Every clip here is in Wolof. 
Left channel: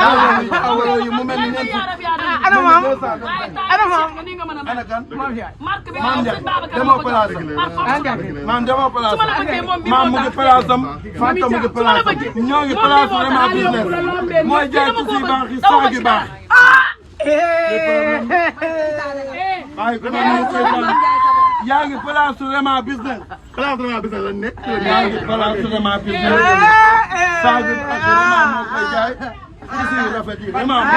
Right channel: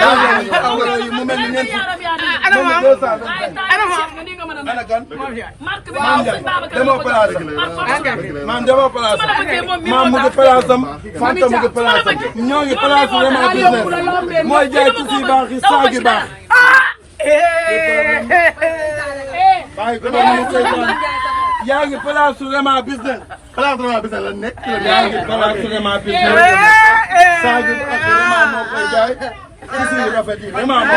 yi mu mel ni ñeent fukk. ana ma ana kan. maam Ndiaye demoo place am. maam demoo place am. maam mu ngi place am. Fanta mu ngi place am. ñoo ngi place vraiment business. mooy jaay tuuti yu baax yi saag yu baax. yaa ngi place vraiment business. place vraiment business la nekk. yaa ngi place vraiment business. saag yu baax vraiment moo koy jaay. tuuti yu rafet yi vraiment moo koy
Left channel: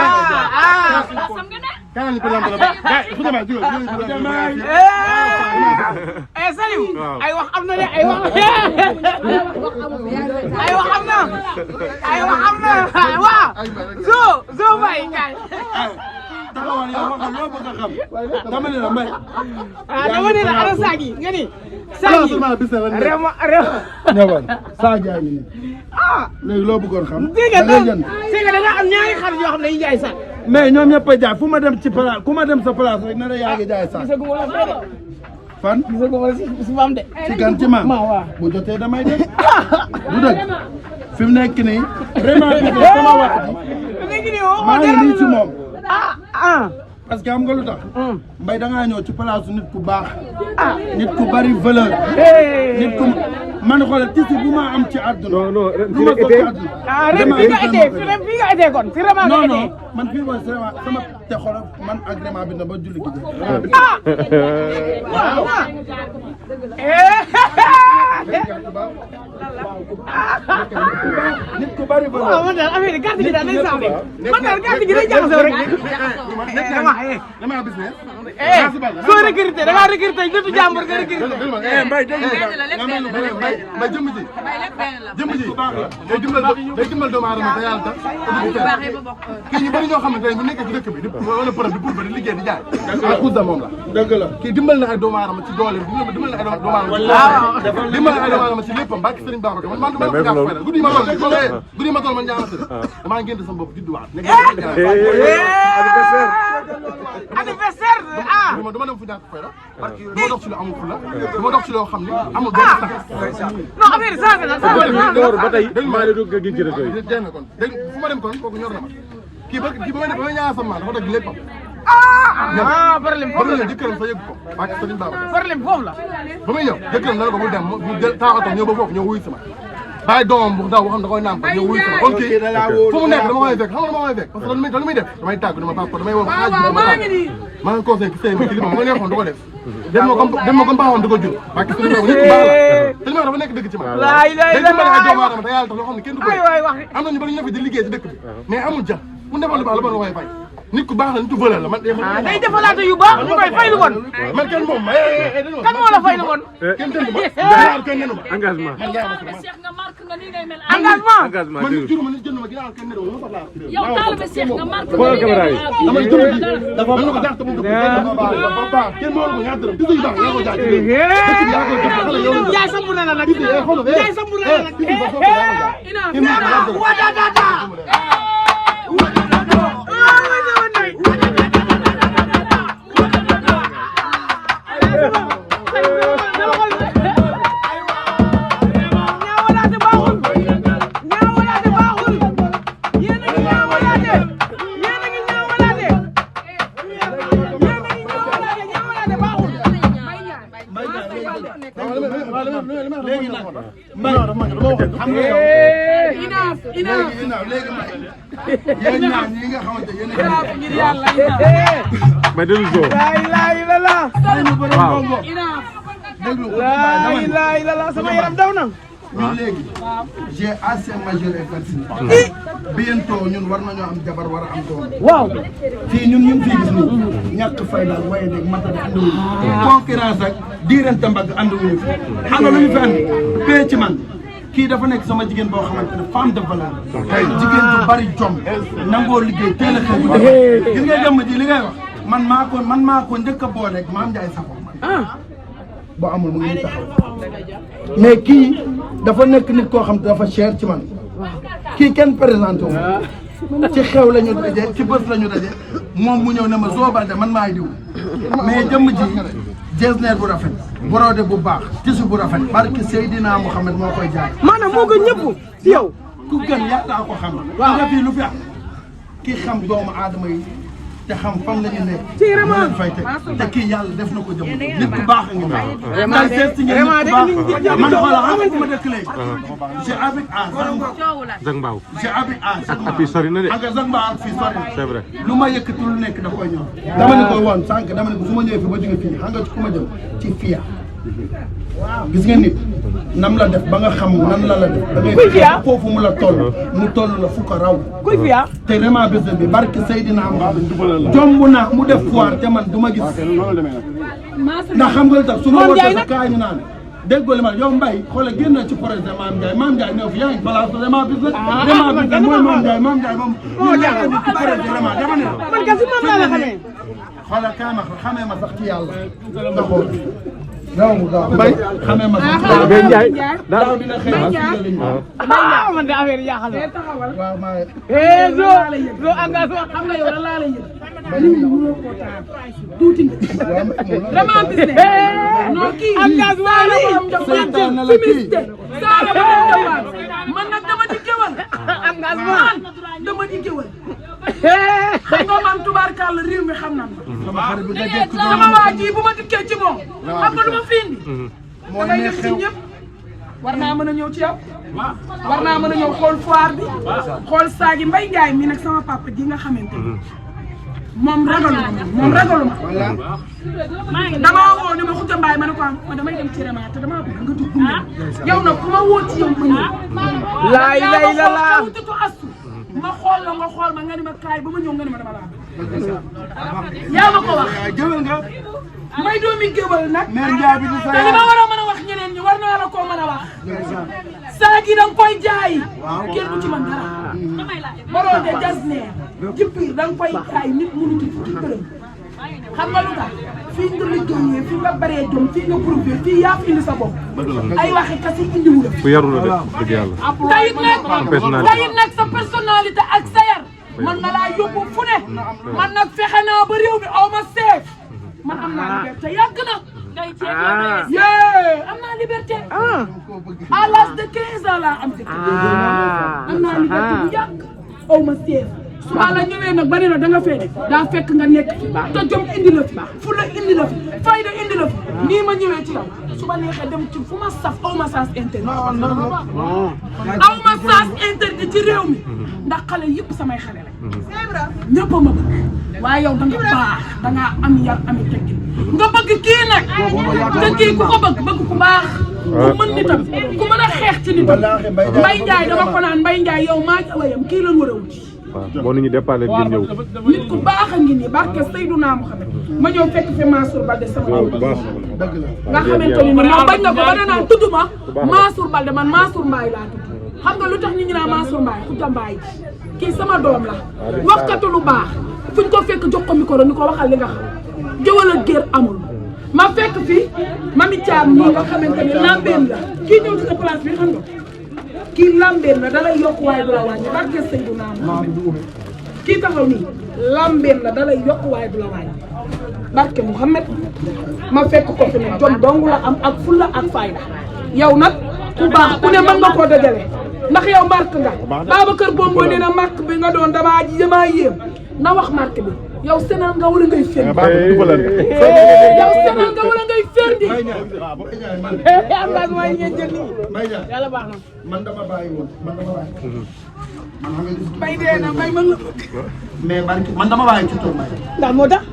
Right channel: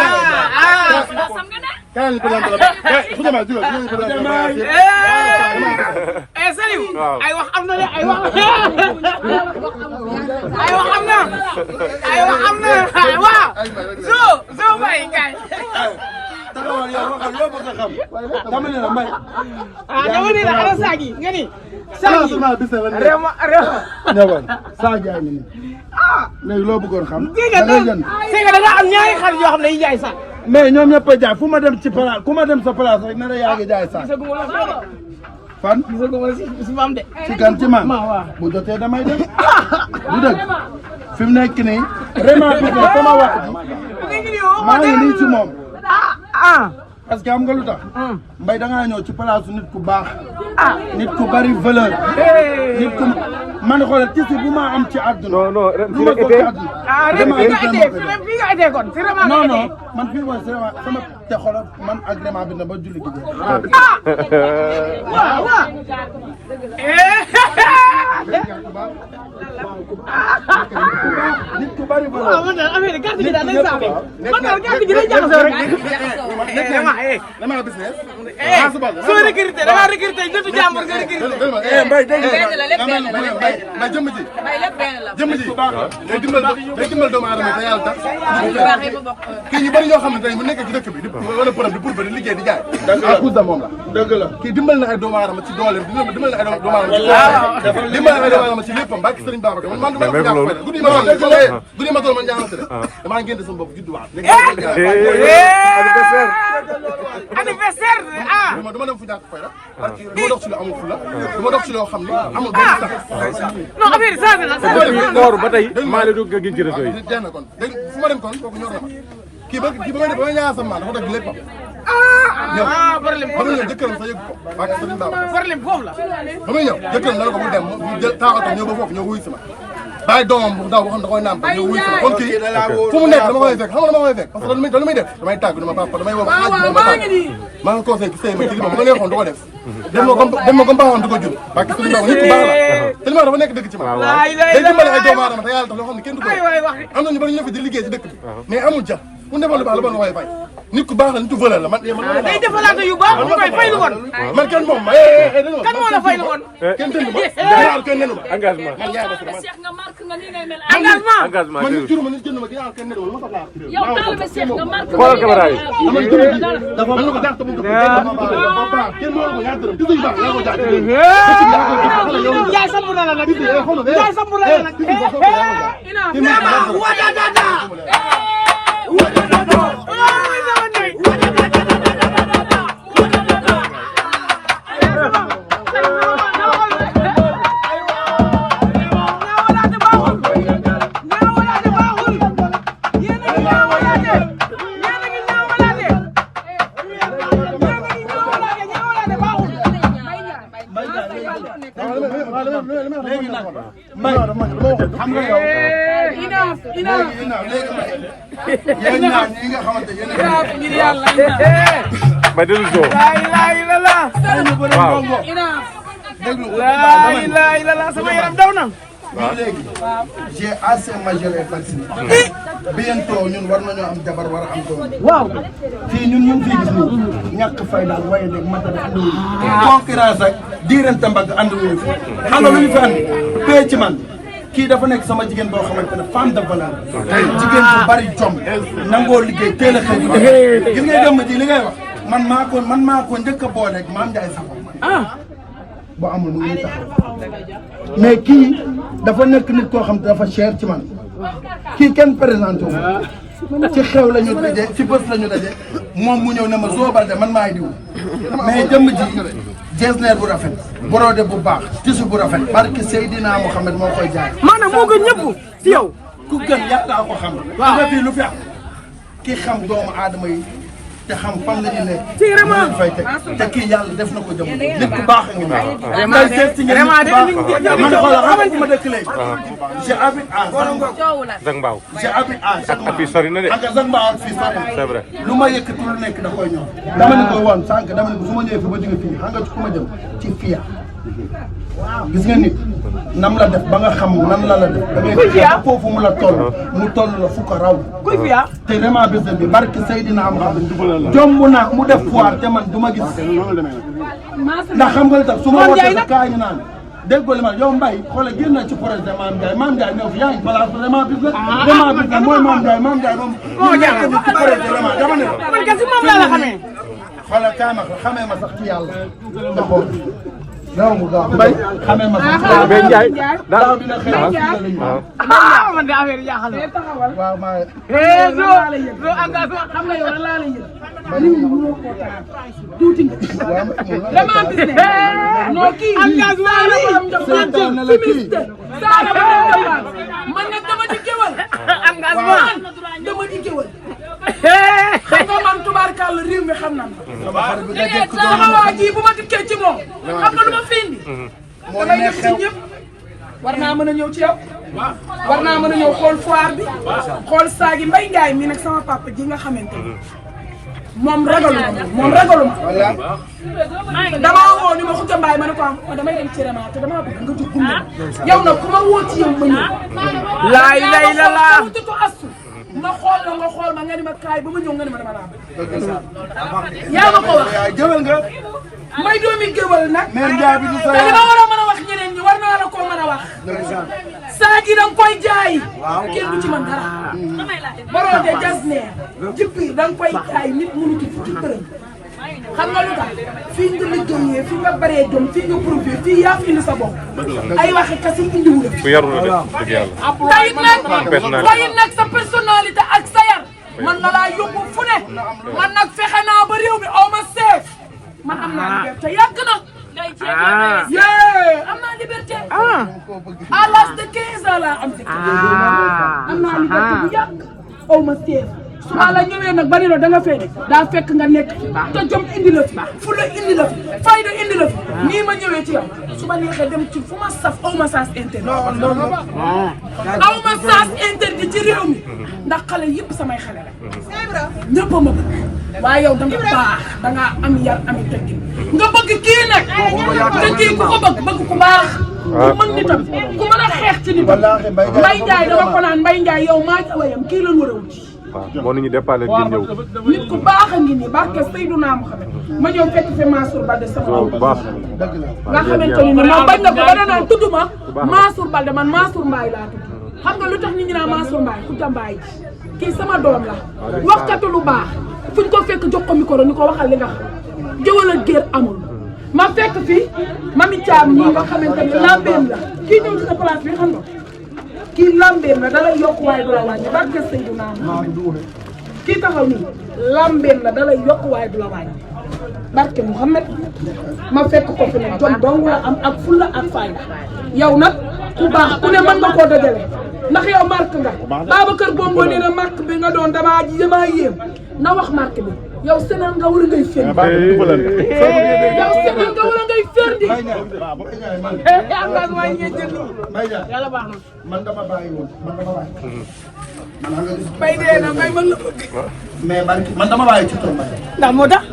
jaay. kaay ko leen la Saliou ay wax am na de ay wax am na waaw zo may kay taxawal yow waxal loo bëgg a xam dama ne la mbay dama ne la ana saagi nga ni saagi ñëwal saagi yaa ngi nii léegi loo bëggoon xam da ngay jënd c'est que da nga am ñaari xarit yoo xam ne yi jaay saag mais ñoom ñëpp a jaay fu ma dem ci place ku ma dem sa place rek ne la yaa ngi jaay saag fan ci kan ci maam bu jotee damay dem du dëgg fi mu nekk nii vraiment bi sama wax ji maa ngi nii ci moom parce que xam nga lu tax mbay da ngaa ñëw ci place nit ku baax nit ku bari valeur nit ku man xoolal tisi bu ma am ci àdduna du ma ko ci àdduna non non man fii mooy sama te xoolal man agrément bi na ba julli gi waaw nit ku bari ba man daal affaire gàtt gi daal dañ saabee man daal gàtt gi dañ jaxasoo rek dama business soo recruté dama recruté jotu jàmm nga recruté mbay dégg mbay jëmm ji baax la day dimbal doomu aadama te yàlla tax kii ñu bari ñoo xam ne tey bu nekk ci dëkk bi di wala përëb di pour ba di liggéey di jaay à cause de moom la dëgg la kii dimbal na ay doomu aadama ci dooleem dimbal na ay doomu aadama ci dimbal na ay doomu aadama ci léppam bàkk Sëriñ Babacar man du ma la ko jàpp fay guddi ma toll man njàng sëriñ damaa ngénte sama bopp judduwaat anniversaire dama dem fu ñàkk fay la dama dox ci lu amul fula dama dox ci loo xam ne amul benn sax non affaire changé na ba tey dégg maa la dugg gën ci rajo yi na kon dégg fu ma dem kon kooku ñor na ma kii ba ma ñaan sama dafa dog léppam problème ba muy ñëw jëkkëram sa yëg ko ak Sëriñ Babacar problème foofu la ba muy ñëw jëkkëram dana ko bul dem mu jël taxaw ñëw ba foofu ñëw wuy sama bàyyi doomam bu ndaw boo xam ne da koy nàmpal ñëw wuy sama kon kii fu mu nekk dama koy fekk xam nga dama koy fekk parce que loolu muy def damay tàgg dama papa damay woo ba xaaj bi dama tàgg maa ngi conseil ki sëy ma ci li ma nga neexoon du ko def dem ma comme baaxoon du ko jur parce que Sëriñ Babacar nit ku baax la tellement dafa nekk dëgg ci man day dimbale ay doomu aadama te yàlla tax loo xam ne kenn du ko am na ñu bari ñu fi di liggéey ci dëkk bi mais amul jàmm mu defal lu baax lu bon la koy fay nit ku baax la nit ku valeur la man day defalaate yu baax ñu koy fay lu bon man kenn moom kan moo la fay lu bon kenn tëndu ma kenn nenu ma engagement engagement man nit juruma nit jënd ma ginnaaw kenn nenu ma soxlaa yow taalibe Cheikh nga marqué xoolal caméra yi dama juruma dafa man la ko jàpp mu baax kenn moo la ko ñaar dërëm tuuti baax la ko jàpp jaay samp na la nag jaay samp na la nag léegi nag mbay dama xam nga yow léegi yéen ñaar ñi nga xamante yéen mbay dellu joo waaw déglu ko dama ne léegi j'ai assez majeur et fatigué bientôt ñun war nañoo am jabar war a am doom waaw fii ñun ñu ngi fii gis nii ñàkk fay daal waaye nag matadi andiwuñu concurrence ak diirante mbagg andiwuñu fi xam nga lu ñu fi andi pay ci man kii dafa nekk sama jigéen boo xamante ne femme de valeur jigéen bu bari jom nangoo liggéey teel a xëy bu defar gis nga dem ji li ngay wax man maa ko njëkk a boole ak Mame Ndiaye Sakho boo amul mu ngi taxaw mais kii dafa nekk nit koo xam te dafa cher ci man kii kenn présenté wu ci xew la ñu daje ci bés la ñu daje moom mu ñëw ne ma Zo Baldé man maay diw mais jëmm ji jesner bu rafet brodé bu baax tissu bu rafet barke Seydina Mohamed moo koy jaay maanaam moo gën ñëpp yow ku gën yàlla ko xam nga fii lu fi am ki xam doomu aadama yi te xam fan la ñu nekk mu leen fay teg te kii yàlla def na ko jamono nit ku baax a ngi nii ngay seet si ngeen nit ku baax man xoolal xam fu ma dëkk léegi j'habite à Zac Mbao j'habite à ak fii sori na de ak Zac Mbao ak fii sori na c'est vrai lu ma yëkkati lu nekk da koy ñëw dama ne ko woon sànq dama ne ko su ma ñëwee fi ba jóge fii xam nga ci ku ma jëm ci fiya gis nga nit nam la def ba nga xam nan la def da ngay fexe ba foofu mu la toll mu toll la fu ko raw te vraiment business bi barke Seydina Muhammad jomb na mu def foire te man du ma gis ndax xam nga li tax su ma wootee sa kaa ñu naan déggoo li ma yow Mbaye xoolal génn na ci projet Mame Ndiaye ñëw fi yaa ngi place vraiment business mooy Mame Ndiaye moom mu nekk ni ci projet vraiment dama ne xoolal kaay ma xamee ma sax ci yàlla nga xool non mu gaaw Mbaye xamee ma sax ci Mbaye Ndiaye daaw dina xëy waaw maa xam nga yow lan laa lay yëg nit ñi mënoo koo taal tuuti nga vraiment business non kii saara borom jàmbaar féministe saara borom jàmbaar man nag dama di géwal man dama di géwal xam nga man tubaarkàlla réew mi xam nan ma sama waa ji bu ma dikkee ci moom xam nga lu ma fi indi damay dem ci ñëpp war naa mën a ñëw ci yow war naa mën a ñëw xool foire bi xool saagi Mbaye Ndiaye mi nag sama papa ji nga xamante ni moom ragaluma damaa woo ni ma Khoudia Mbaye ma ne ko am ma damay dem ci Rema te damaa bëgg nga jóg gunge yow nag ku ma woo ci yow ma ñëw yaa ma xool kawutatu astu ma xool la nga xool ma nga ni ma kaay ba ma ñëw nga ni ma dama laa bëgg yaa ma ko wax jëwal nga may doomi géwal nag mère Ndiaye bi di sa te li ma war a mën a wax ñeneen ñi war naa la koo mën a wax saagi da nga koy jaay kenn du ci mën dara borode jasneer ci biir da nga koy jaay nit mënu ci fukki dërëm xam nga lu tax fii nga liggéeyee fii nga baree jom fii nga profité fii yaa fi indi sa bopp ay waxi kasi indiwu la ku yaru la de dëgg yàlla tayit nag sa personnalité ak sa yar man na laa yóbbu fu ne man nag fexe naa ba réew mi aw ma seef man am naa liberté yàgg na am naa liberté à l'âge de 15 ans laa am am naa liberté bu yàgg aw ma seef su ma la ñëwee nag ba ne la da nga fee daa fekk nga nekk te jom indi la fi fulla indi la fi fayda indi la fi nii ma ñëwee ci yow su ma neexee dem ci fu ma saf aw ma sens interdit aw ma sens interdit ci réew mi ndax xale yëpp samay xale la ñëpp a ma bëgg waaye yow da nga baax da nga am yar ami teggin nga bëgg kii nag te kii ku ko bëgg ku baax ku mën nitam ku mën a xeex ci nitam Mbaye Ndiaye dama ko naan Mbaye Ndiaye yow maa jawayam kii lan war a wuti waaw boo nit ñi déparé ngeen ñëw nit ku baax a ngi nii barke Seydouna Muhammad ma ñëw fekk fi Mansour Balde sama bu baax nga xamante ni moom bañ na ko ba danaan tudd ma Mansour Balde man Mansour Mbaye laa tudd xam nga lu tax nit ñi naan Mansour Mbaye Khoudia Mbaye kii sama doom la waxkatu lu baax fuñ ko fekk jox ko micro ni ko waxal li nga xam jëwal ak géer amul ma fekk fi Mami Thiam nii nga xamante ne lambeem la kii ñëw ci sa place bi xam nga kii lambeem la dalay yokk waaye du la wàññi barke Seydina Muhammad kii taxaw nii lambeem la dalay yokk waaye du la wàññi barke Muhammad ma fekk ko fi ne jom dong la am ak fulla ak fayda yow nag ku baax ku ne mën nga koo dajale ndax yow marque nga Babacar Bongo nee na marque bi nga doon damaa yéem na wax marque bi yow Sénégal nga wala ngay fendi yow Sénégal nga wala ngay fendi man dama bàyyi woon man dama bàyyi. Mbaye dee na Mbaye mën la bëgg. mais barki man dama bàyyi ci tool ndax moo tax.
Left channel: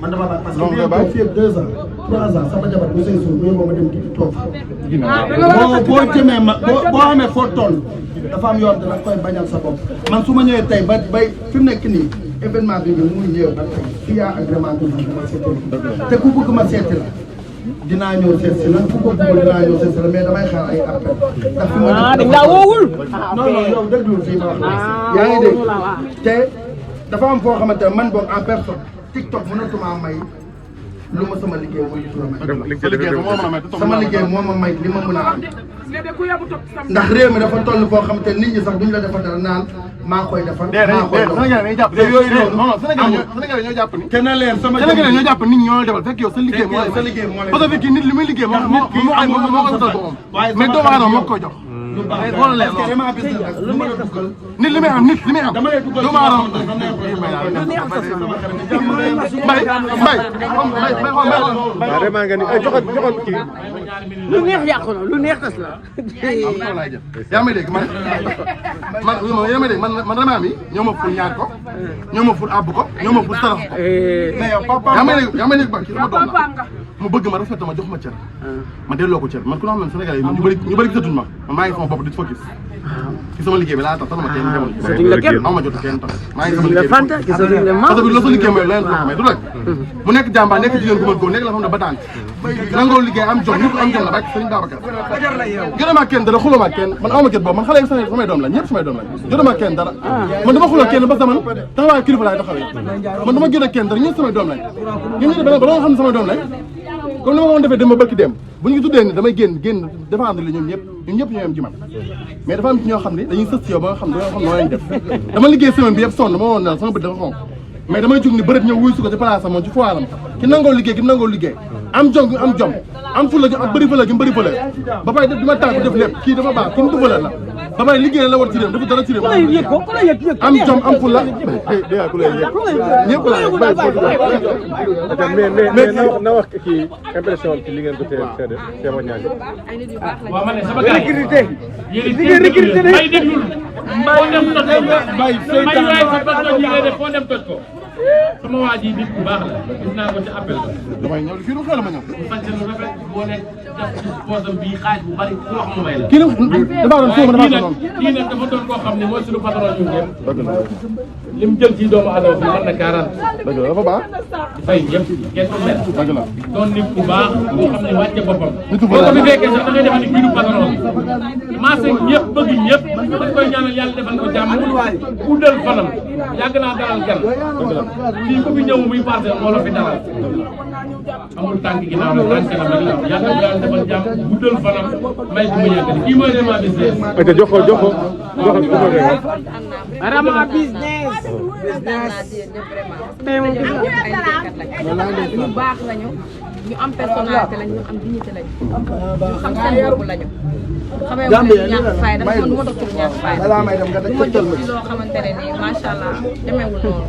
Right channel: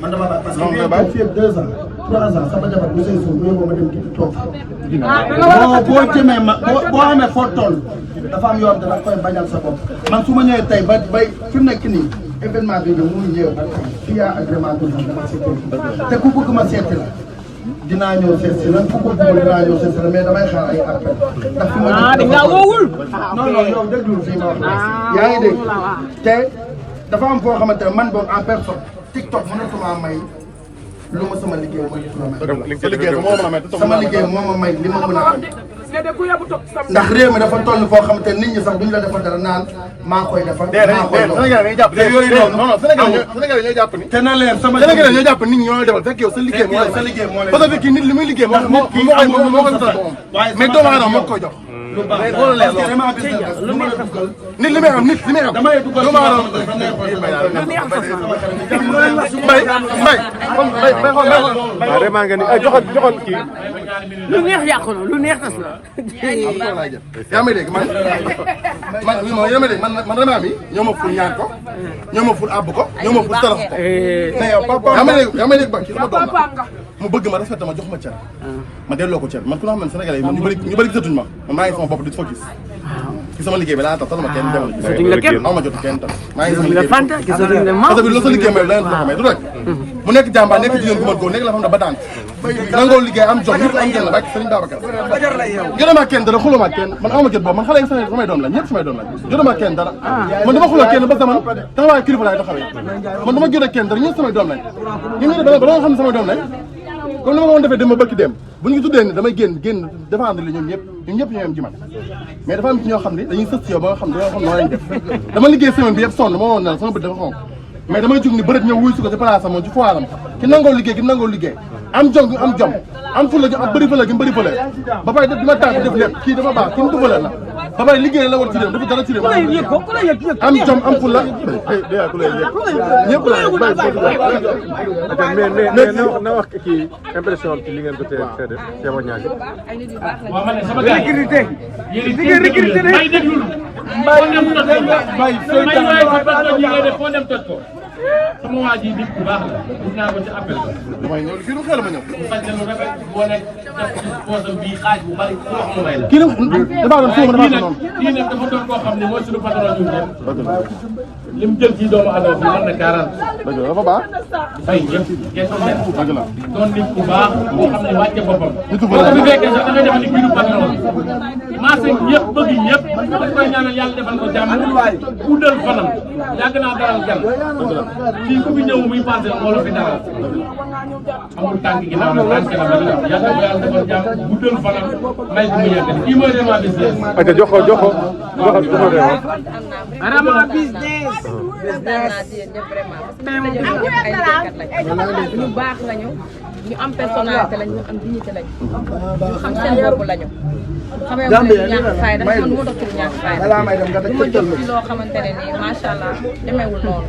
man dama bàyyi parce que boo fii 2 ans 3 ans sama jabar bu sëy suuf bu yóbboo ma dem ci toog. boo jëmee ma boo amee foo toll dafa am yoon dana koy bañal sa bopp man su ma ñëwee tey ba bay fi mu nekk nii événement bi mu ngi ñëw ba tey fii yaa agrément dama seeti te ku bëgg ma seeti la dinaa ñëw seet si lan ku ko bëgg dinaa ñëw seet si la mais damay xaar ay appel ndax fi ma nekk dafa non non yow déglu fii ma wax yaa ngi dégg te dafa am foo xamante ne man boog en personne TikTok mënatuma may lu ma sama liggéey may sama liggéey moo ma may li ma mën a am ndax réew mi dafa toll foo xamante ne nit ñi sax duñ la defal dara naan maa koy defal maa koy defal yooyu noonu Sénégal ñoo jàpp ni te na leen sama Sénégal ñoo jàpp nit ñi ñoo defal fekk yow sa liggéey moo sa liggéey moo parce que kii nit li muy liggéey moo ko defal boppam mais doomu aadama moo ko jox lu baax xoolal parce que dama business nag lu ma la duggal nit li may am nit li may am damay duggal lu ma am mbay kon mbay vraiment nga ni ay joxoon kii lu neex yàqu na lu neex tas la. yaa may dégg man yaa may dégg man dama am yi ñoo ma ful ñaan ko ñoo ma ful àbb ko ñoo ma ful sarax ko mais yow papa yaa may dégg ba ci sama doom la mu bëgg ma respecté ma jox ma cër ma delloo ko cër man ku la xam ne Sénégalais yi man ñu bëri gisatuñ ma man maa ngi sama bopp di focus ci sama liggéey bi laa tax ma kenn demoon aw ma jot kenn tax maa ngi sama liggéey bi parce que loo sa liggéey may leneen loo xam ne du rek mu nekk jàmbaar nekk jigéen gu ma góor nekk la xam ne ba tànk nangoo liggéey am jom ñëpp am jom la bàyyi Sëriñ Babacar jotama kenn dara xuluma kenn man awma jot boobu man xale yi samay doom lañ ñëpp samay doom lañ jotama kenn dara man dama xuloo kenn ba zaman taxawaay kilifa laay taxawee man dama jot kenn dara ñëpp samay doom lañ ñu ngi ba nga xam ne samay doom lañ comme ni ma ko woon defee dem ba bëkk dem bu ñu tuddee ni damay génn défendre li ñoom ñëpp ñoo yem ci man mais dafa am ci ñoo xam ne dañuy sës ci yow ba nga xam ne noo leen def dama liggéey semaine bi yëpp sonn ma woon ne sama bët dafa xonk mais damay jug ni bërët ñëw wuy su ko ci place am moom ci foiram ki nangoo liggéey am jom am fulla ak bëri fële gi bëri fële ba pare def di ma tànk def lépp kii dafa baax kii du fële la ba pare liggéey la war ci réew dafa dara ci réew am jom am fulla ñëpp la mais na wax kii impression ci li ngeen ko seede témoignage waaw man sama sécurité yéen may déglul foo dem toj ko may waay fa parce que ñi ngay def foo dem toj ko sama waa ji nit bu baax la gis naa ko ci appel ba damay ñëw fii du xel ma ñëw fan lu rafet boo nekk def ci poosam bii xaaj bu bari ku wax mu may la kii nag dafa doon foofu dafa doon kii nag dafa doon koo xam ne mooy suñu patron ñun ñëpp li mu jël ci doomu adama bi mën na 40 dëgg la dafa baax fay ñëpp kenn ku nekk dëgg la doon nit bu baax boo xam ne wàcce boppam boo ko fi fekkee sax da ngay def ni kii du patron bi maase ñëpp bëgg ñëpp dañ koy ñaanal yàlla defal ko jàmm guddal fanam yàgg naa dalal gan fii ku fi ñëw muy passé moo la fi dalal amul tànk ginnaaw nag tànk kanam rek la yàlla bu yàlla defal jàmm guddal fanam may ko mu yàgg kii mooy vraiment des aca joxo ñu baax lañu ñu am personnalité lañu ñu am dignité lañu ñu xam seen bopp lañu xamee wu ne ñàkk fayda man du ma dox ci lu ñàkk fayda du ma jóg ci loo xamante ne nii macha allah demeewul noonu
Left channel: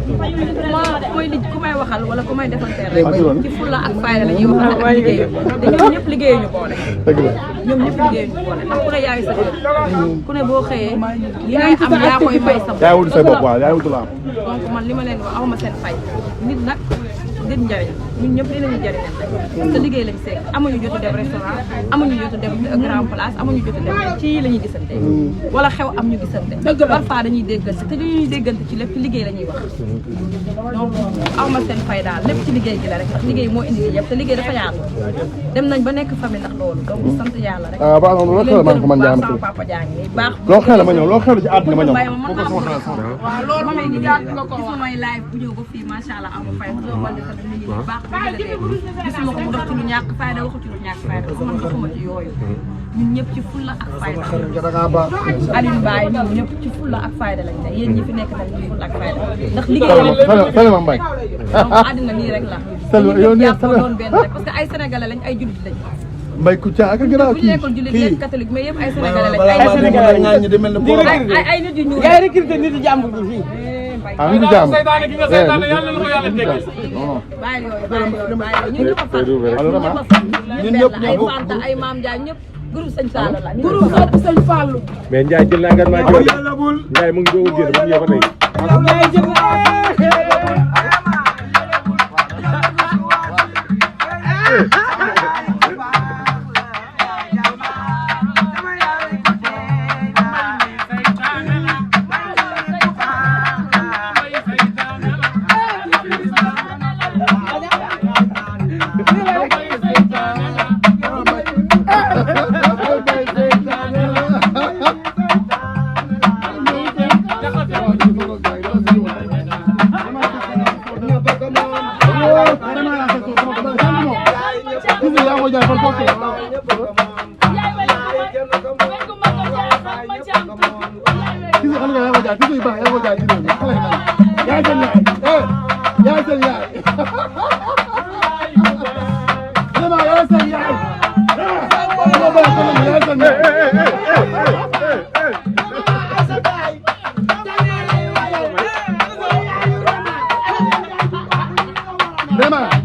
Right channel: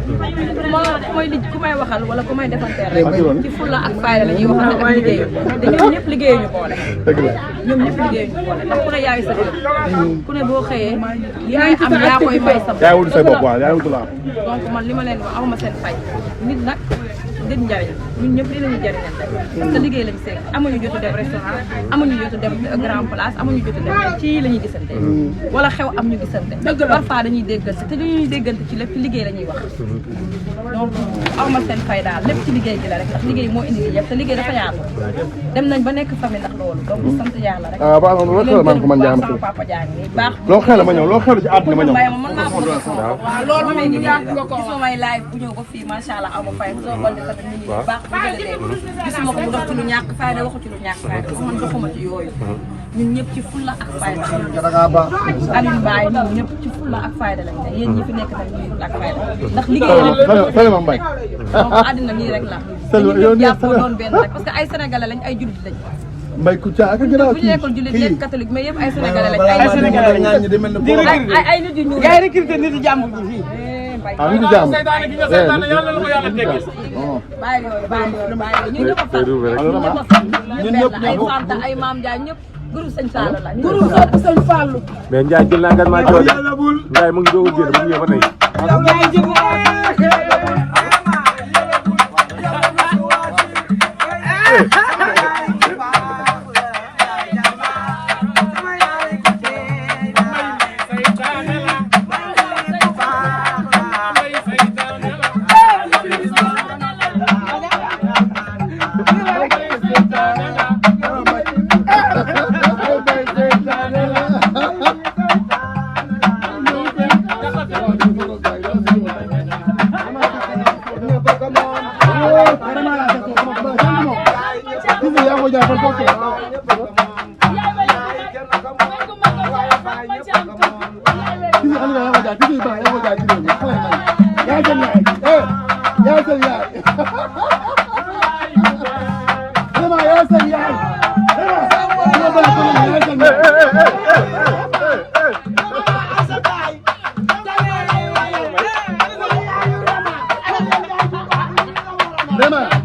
ku may waxal wala ku may defanteel rek ci fulla ak fayda la ñuy waxante ak liggéeyu te ñoom ñëpp liggéeyuñu boole ñoom ñëpp liggéeyuñu boole ndax ku ne yaay sa kër ku ne boo xëyee li ngay am yaa koy may sa bopp donc man li ma leen wax awma seen fay nit nag gën njariñ ñun ñëpp li lañu jariñal parce que liggéey lañu seeg amuñu jotu dem restaurant amuñu jotu dem grand place amuñu jotu dem ci la ñuy gisante wala xew am ñu gisante parfois dañuy déggante te dañuy déggante ci lépp liggéey la ñuy wax donc awma seen fay daal lépp ci liggéey gi la rek ndax liggéey moo indi yëpp te liggéey dafa yaatu dem nañ ba nekk famille ndax loolu donc sant yàlla rek ah baax na loolu xel man ko man jaam sama papa jàng ni baax loo xel ma ñëw loo xel ci àdduna ma ñëw mën naa ko waaw loolu moom gis may live bu ñëw ba fii macha allah awma fay baax gisuma ko mu dox ci lu ñàkk fayda waxu ci lu ñàkk fayda ko man doxuma ci yooyu ñun ñëpp ci fulla ak fayda Aliou Mbaye ñun ñëpp ci fulla ak fayda lañ ne yéen ñi fi nekk nag ñu fulla ak fayda ndax liggéey la Mbaye donc àddina nii rek la dañu ñëpp jàppoo doon benn rek parce que ay sénégalais lañ ay jullit lañ Mbaye Kouthia ak gënaaw bu ñu nekkul jullit nekk catholique mais yëpp ay sénégalais lañ ay nit yu ñuul ay nit yu ñuul ngay recruter nit yi jàmbur ñi fii ah nit jaam seytaane gi nga seytaane yàlla na ko yàlla teggi bàyyi yooyu ñun ñëpp a far ñun ñëpp ay Fanta ay Maam Ndiaye ñëpp groupe Sëñ Fallou la groupe sopp Sëñ Fallou mais Ndiaye jël naa engagement Ndiaye mu ngi doog a génn ba mu ñëw ba Yaay Dema